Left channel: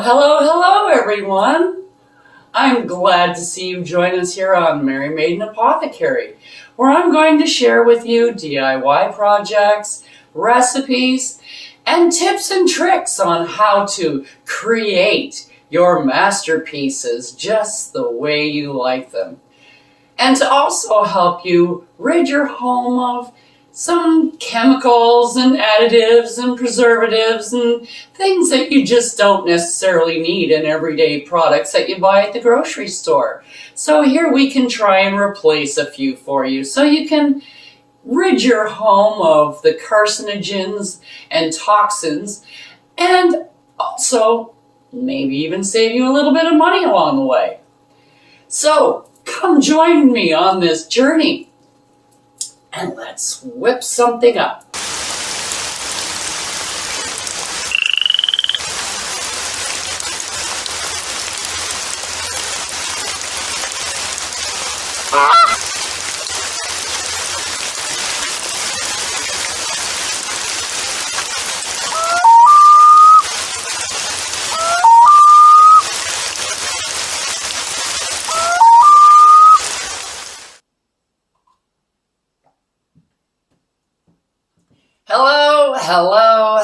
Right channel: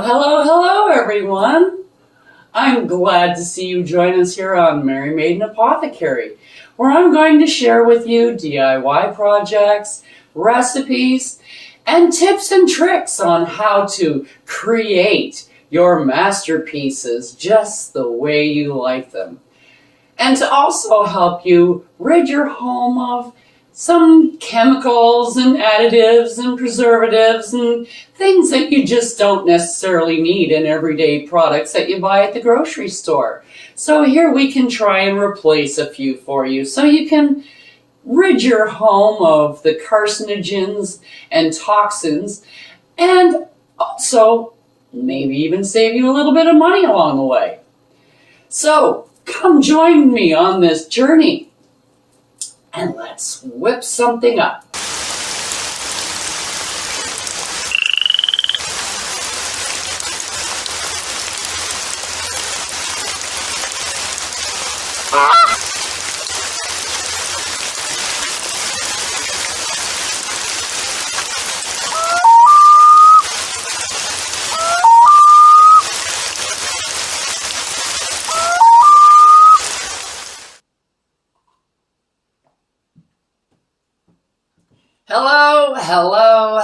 Hello, everyone. I'm glad to see you join us here on Mary Maiden Apothecary, where I'm going to share with you DIY projects, recipes, and tips and tricks on how to create your masterpieces just the way you like them. And to also help you rid your home of some chemicals and additives and preservatives and things that you just don't necessarily need in everyday products that you buy at the grocery store. So here we can try and replace a few for you so you can rid your home of the carcinogens and toxins, and also maybe even save you a little bit of money along the way. So come join me on this journey and let's whip something up.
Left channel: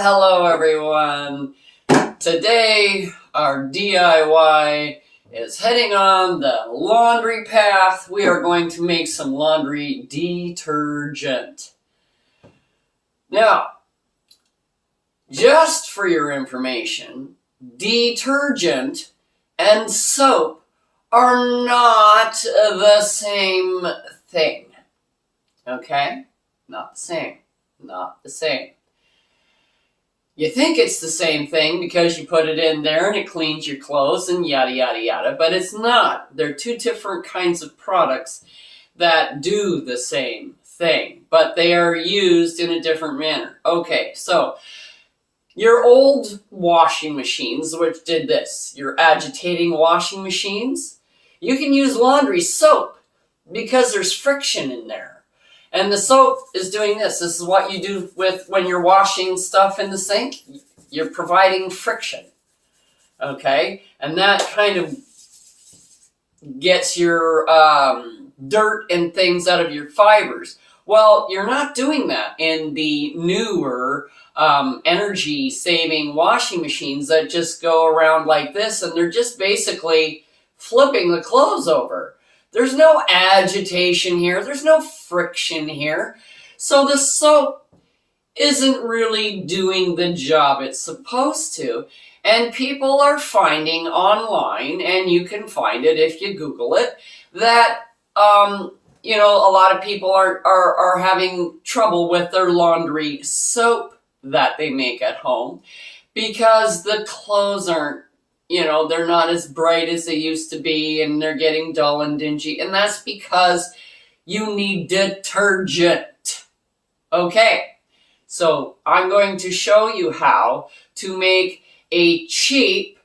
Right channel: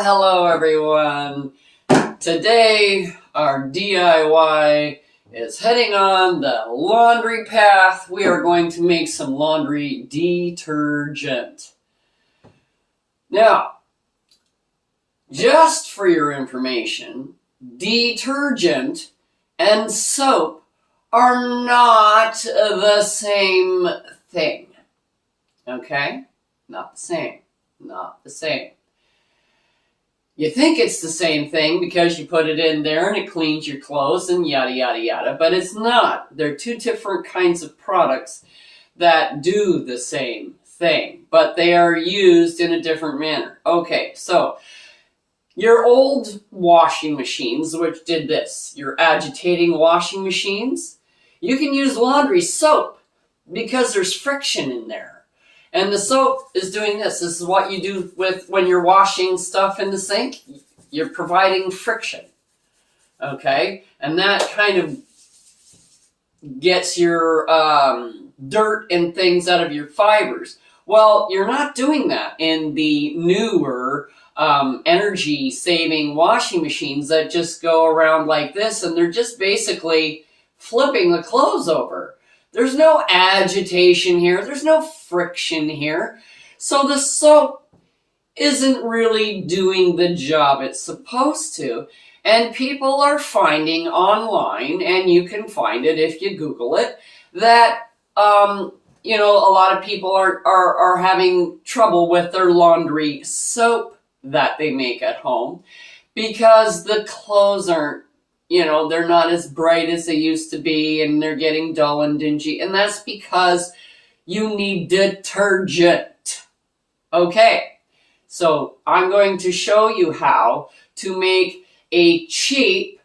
Hello, everyone. Today, our DIY is heading on the laundry path. We are going to make some laundry detergent. Now, just for your information, detergent and soap are not the same thing. Okay? Not the same. Not the same. You think it's the same thing because you put it in there and it cleans your clothes and yada, yada, yada, but it's not. They're two different kinds of products that do the same thing, but they are used in a different manner. Okay, so your old washing machines, which did this, your agitating washing machines, you can use laundry soap because there's friction in there. And the soap is doing this. This is what you do with when you're washing stuff in the sink. You're providing friction. Okay? And that kind of gets your dirt and things out of your fibers. Well, you're not doing that in the newer energy-saving washing machines that just go around like this, and they're just basically flipping the clothes over. There's no agitation here. There's no friction here. So the soap isn't really doing the job it's supposed to. And people are finding online, and you can find it if you Google it, that, a lot of people are having trouble with their laundry soap that they make at home because the clothes aren't, they're not as bright as they used to be, and they're getting dull and dingy. And that's because you need detergent. Okay, so I'm going to show you how to make a cheap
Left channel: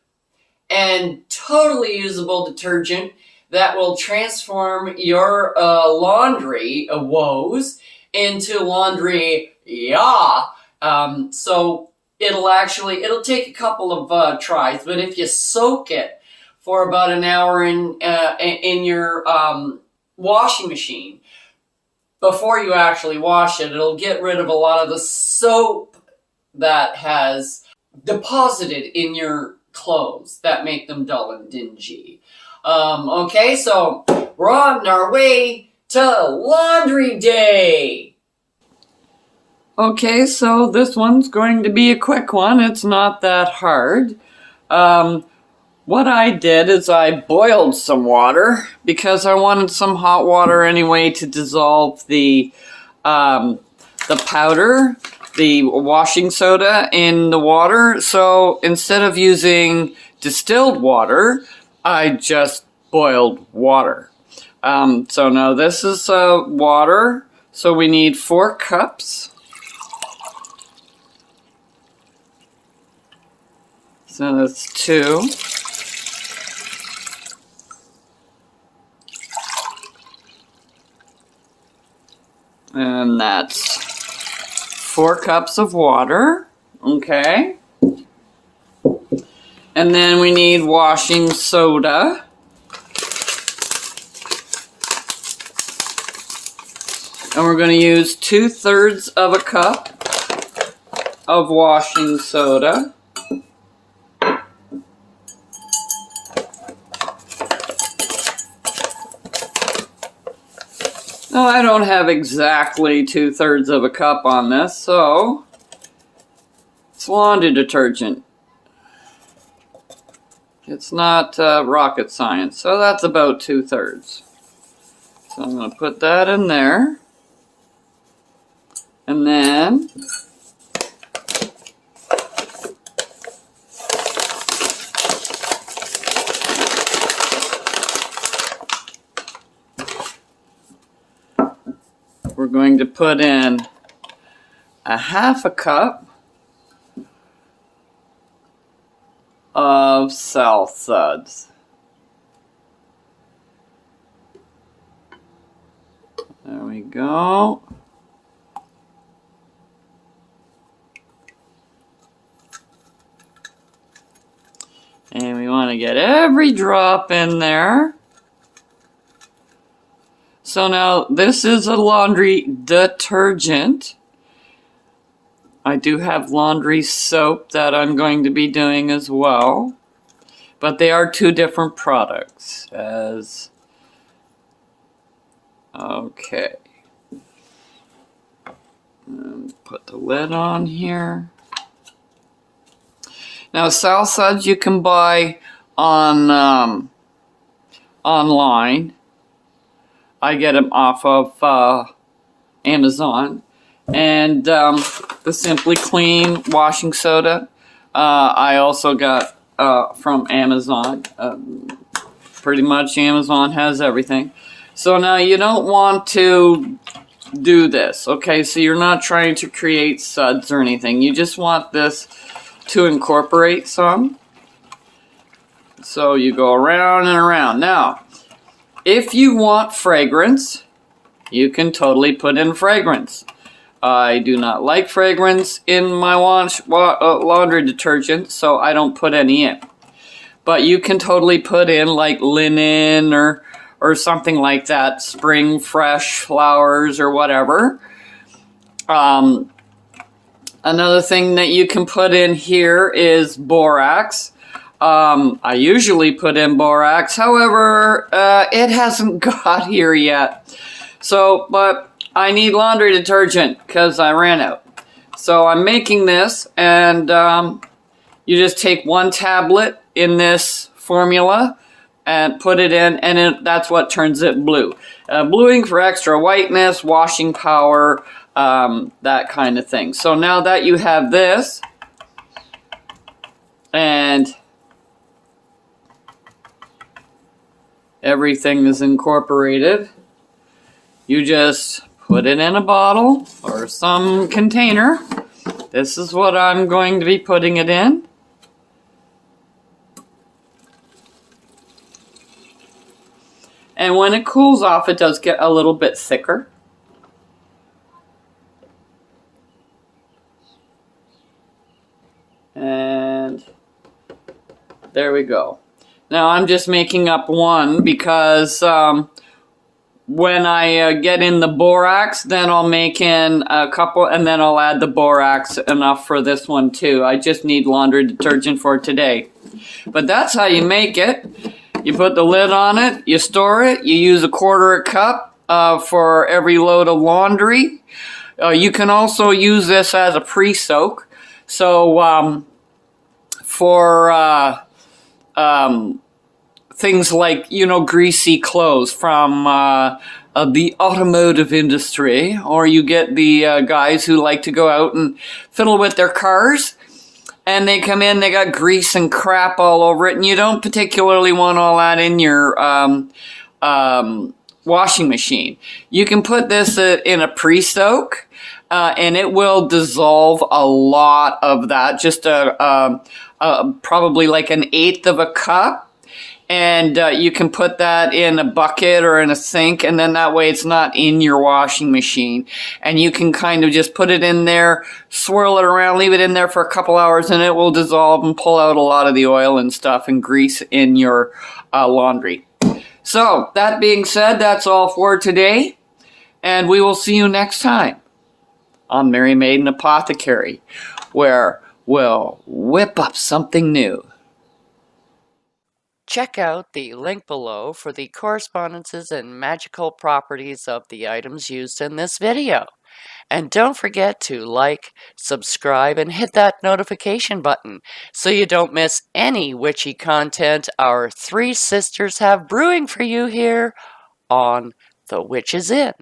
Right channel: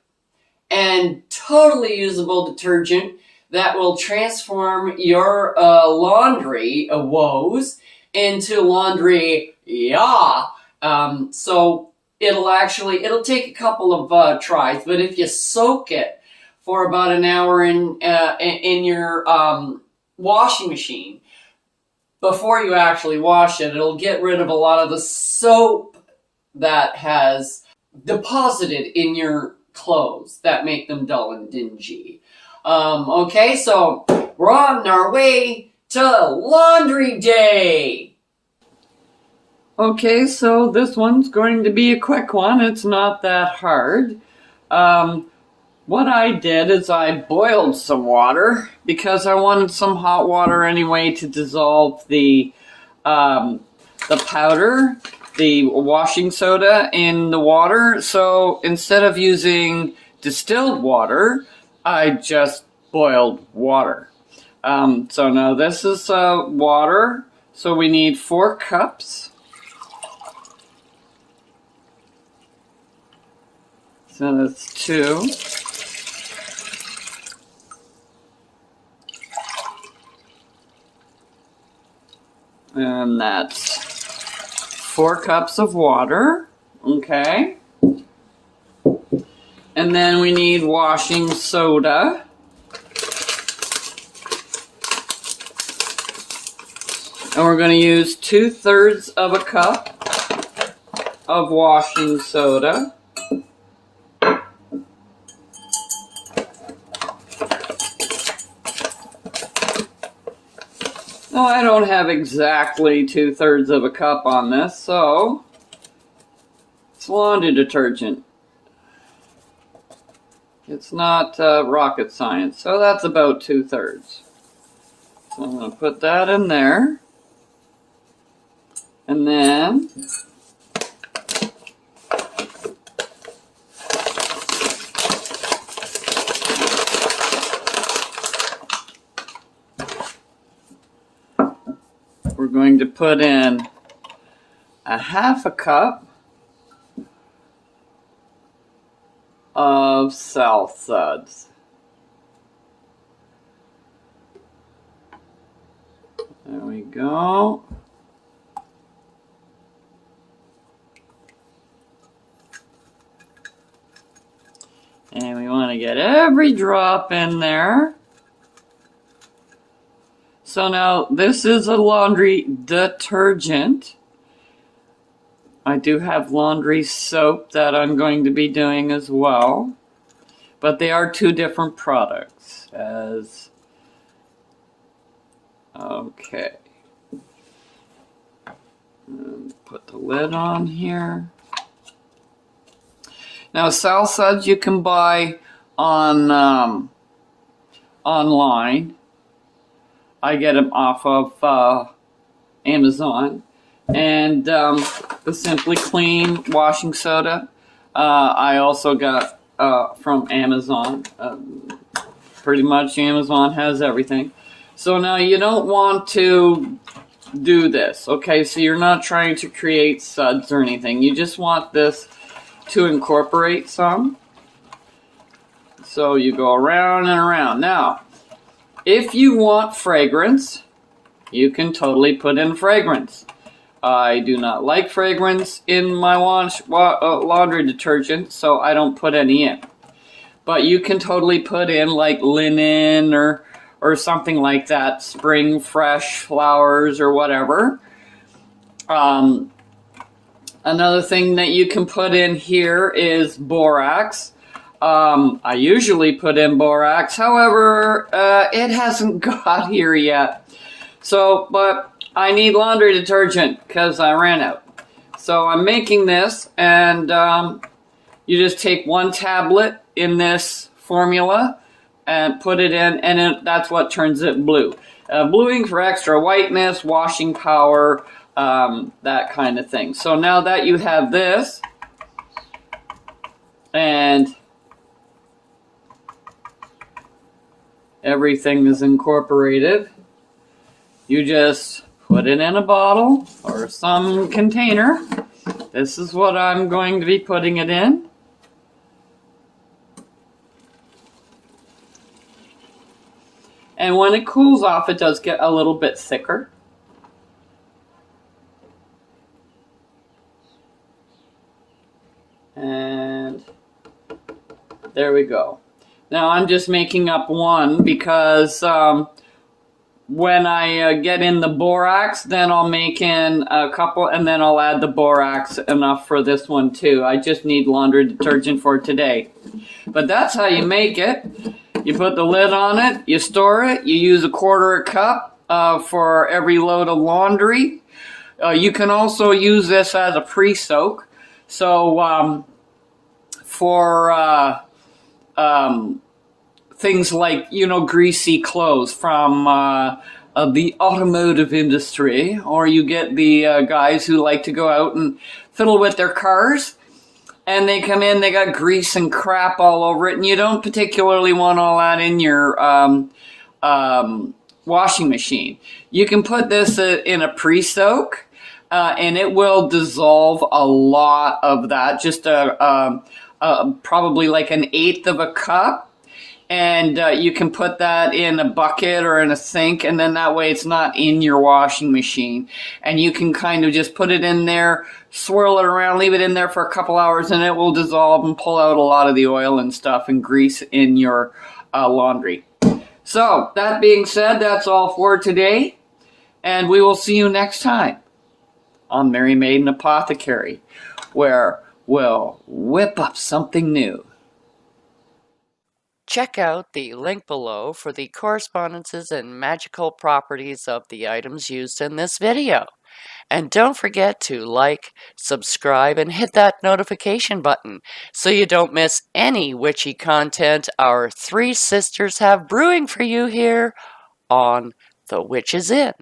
and totally usable detergent that will transform your laundry woes into laundry so it'll take a couple of tries, but if you soak it for about an hour in your washing machine before you actually wash it, it'll get rid of a lot of the soap that has deposited in your clothes that make them dull and dingy. Okay, so we're on our way to laundry day. Okay, so this one's going to be a quick one. It's not that hard. What I did is I boiled some water because I wanted some hot water anyway to dissolve the powder, the washing soda in the water. So instead of using distilled water, I just boiled water. So now this is water. So we need 4 cups. So that's 2. And that's 4 cups of water. Okay. And then we need washing soda. And we're going to use 2/3 of a cup of washing soda. Now, I don't have exactly 2/3 of a cup on this, so it's laundry detergent. It's not rocket science, so that's about 2/3. So I'm going to put that in there. And then we're going to put in a 1/2 cup of salt suds. There we go. And we want to get every drop in there. So now this is a laundry detergent. I do have laundry soap that I'm going to be doing as well. But they are two different products. Okay. Put the lid on here. Now, salt suds you can buy on online. I get them off of Amazon. And the Simply Clean washing soda, I also got from Amazon. Pretty much Amazon has everything. So now you don't want to do this, okay? So you're not trying to create suds or anything. You just want this to incorporate some. So you go around and around. Now, if you want fragrance, you can totally put in fragrance. I do not like fragrance in my laundry detergent, so I don't put any in. But you can totally put in like linen or something like that, spring fresh flowers or whatever. Another thing that you can put in here is borax. I usually put in borax, however, it hasn't got here yet. So, but I need laundry detergent because I ran out. So I'm making this, and you just take 1 tablet in this formula and put it in, and that's what turns it blue. Bluing for extra whiteness, washing power, that kind of thing. So now that you have this, and everything is incorporated, you just put it in a bottle or some container. This is what I'm going to be putting it in. And when it cools off, it does get a little bit thicker. And there we go. Now I'm just making up one because when I get in the borax, then I'll make in a couple, and then I'll add the borax enough for this one too. I just need laundry detergent for today. But that's how you make it. You put the lid on it, you store it, you use 1/4 cup for every load of laundry. You can also use this as a pre-soak. So for things like, greasy clothes from the automotive industry, or you get the guys who like to go out and fiddle with their cars, and they come in, they got grease and crap all over it, and you don't particularly want all that in your washing machine. You can put this in a pre-soak, and it will dissolve a lot of that, just probably like 1/8 of a cup. And you can put that in a bucket or in a sink, and then that way it's not in your washing machine. And you can kind of just put it in there, swirl it around, leave it in there for a couple hours, and it will dissolve and pull out a lot of the oil and stuff and grease in your laundry. So, that being said, that's all for today, and we will see you next time on Mary Maiden Apothecary, where we'll whip up something new. Check out the link below for the correspondences and magical properties of the items used in this video. And don't forget to like, subscribe, and hit that notification button so you don't miss any witchy content our three sisters have brewing for you here on The Witch's Inn.